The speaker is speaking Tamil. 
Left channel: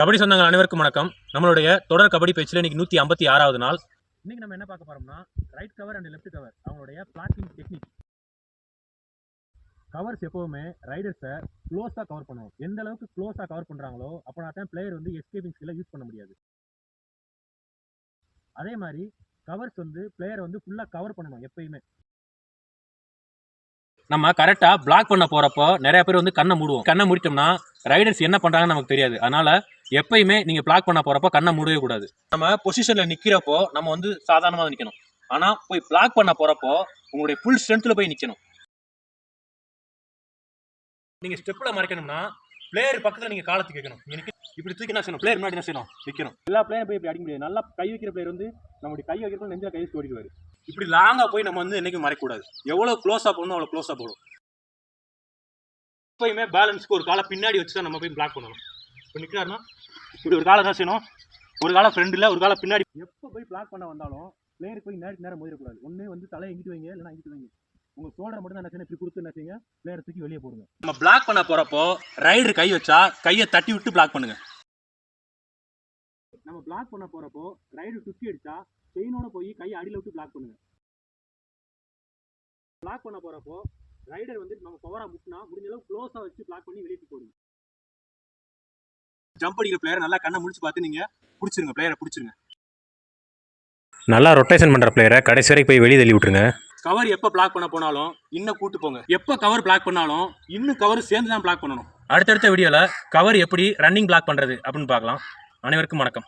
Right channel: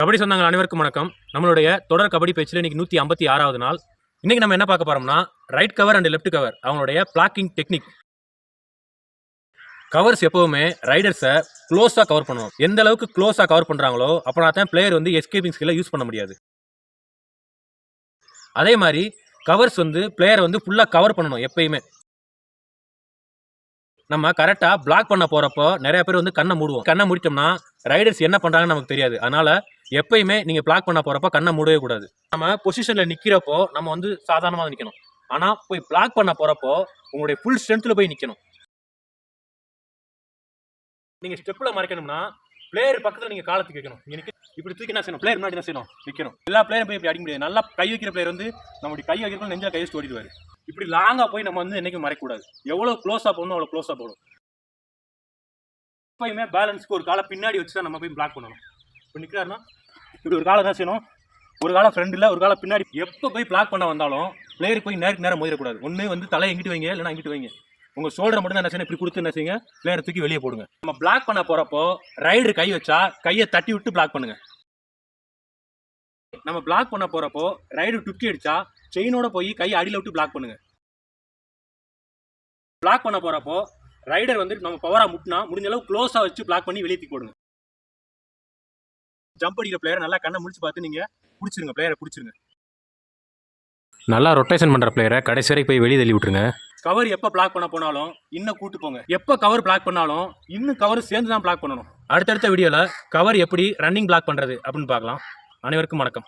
கபடி சொந்தங்கள் அனைவருக்கும் வணக்கம். நம்மளுடைய தொடர் கபடி பேச்சில் இன்னைக்கு 156வது நாள். இன்னைக்கு நம்ம என்ன பார்க்க போறோம்னா, right cover and left cover அவங்களுடைய பிளாக்கிங் டெக்னிக். கவர்ஸ் எப்பவுமே ரைடர்ஸை க்ளோஸாக கவர் பண்ணுவோம். எந்த அளவுக்கு க்ளோஸாக கவர் பண்ணுறாங்களோ அப்போனா தான் பிளேயர் வந்து எஸ்கேப்பிங் ஸ்கில்லை யூஸ் பண்ண முடியாது. அதே மாதிரி கவர்ஸ் வந்து பிளேயரை வந்து ஃபுல்லாக கவர் பண்ணணும். எப்பயுமே நம்ம கரெக்டாக பிளாக் பண்ண போகிறப்போ நிறைய பேர் வந்து கண்ணை மூடுவோம். கண்ணை மூடிட்டோம்னா ரைடர்ஸ் என்ன பண்ணுறாங்கன்னு நமக்கு தெரியாது. அதனால் எப்பயுமே நீங்கள் பிளாக் பண்ண போகிறப்போ கண்ணை மூடவே கூடாது. நம்ம பொசிஷனில் நிற்கிறப்போ நம்ம வந்து சாதாரணமாக நிற்கணும். ஆனால் போய் பிளாக் பண்ண போகிறப்போ உங்களுடைய ஃபுல் ஸ்ட்ரென்த்தில் போய் நிற்கணும். நீங்கள் ஸ்டெப்பில் மறைக்கணும்னா பிளேயர் பக்கத்தில் நீங்கள் காலத்துக்கு வைக்கணும். எனக்கு இப்படி தூக்கி என்ன செய்யணும், பிளேயர் முன்னாடி என்ன செய்யணும், நிற்கணும். எல்லா பிளேயரும் போய் இப்படி அடிக்க முடியாது. நல்லா கை வைக்கிற பிளேயர் வந்து நம்மளுடைய கை வைக்கிறப்போ நெஞ்சில் கை வச்சு ஓடிடுவார். இப்படி லாங்காக போய் நம்ம வந்து என்றைக்கும் மறைக்கூடாது. எவ்வளோ க்ளோஸாக போகணும் அவ்வளோ க்ளோஸாக போகணும். எப்பயுமே பேலன்ஸ்க்கு ஒரு காலை பின்னாடி வச்சு தான் நம்ம போய் பிளாக் பண்ணணும். இப்போ நிற்கிறாருன்னா இப்படி ஒரு காலை என்ன செய்யணும், ஒரு காலை ஃப்ரெண்டில் ஒரு காலை பின்னாடி. எப்போ போய் பிளாக் பண்ண வந்தாலும் பிளேயருக்கு போய் நேருக்கு நேரம் மோதிடக்கூடாது. ஒன்று வந்து தலையை எங்கிட்டு வைங்க, இல்லைனா அங்கிட்டு வைங்க. உங்கள் ஷோல்டரை மட்டும் தான் என்ன செய்யணும், இப்படி கொடுத்து என்ன செய்யுங்க, பிளேயரை தூக்கி வெளியே போடுங்க. நம்ம பிளாக் பண்ண போகிறப்போ ரைடர் கை வச்சா கையை தட்டி விட்டு பிளாக் பண்ணுங்க. நம்ம பிளாக் பண்ண போகிறப்போ ரைடர் டுக்கி அடிச்சா செயினோட போய் கையை அடியில் விட்டு பிளாக் பண்ணுங்க. பிளாக் பண்ண போகிறப்போ ரைடர் வந்து நம்ம பவராக முட்டினா முடிஞ்ச அளவு க்ளோஸாக வச்சு பிளாக் பண்ணி வெளியே தூக்கி போடுங்க. ஜம்ப் அடிக்கிற பிளேயரை நல்லா கண்ணை முடிச்சு பார்த்து நீங்கள் பிடிச்சிருங்க, பிளேயரை பிடிச்சிருங்க. நல்லா ரொட்டேஷன் பண்ணுற பிளேயரை கடைசி வரைக்கும் போய் வெளியே தள்ளி விட்டுருங்க. கவர் எப்போ பிளாக் பண்ண போனாலும் இன்னும் கூட்டு போங்க. எப்போ கவர் பிளாக் பண்ணாலும் இன்னும் கவர் சேர்ந்து தான் பிளாக் பண்ணணும். அடுத்தடுத்த வீடியோவில் கவர் எப்படி ரன்னிங் பிளாக் பண்ணுறது அப்படின்னு பார்க்கலாம். அனைவருக்கும் வணக்கம்.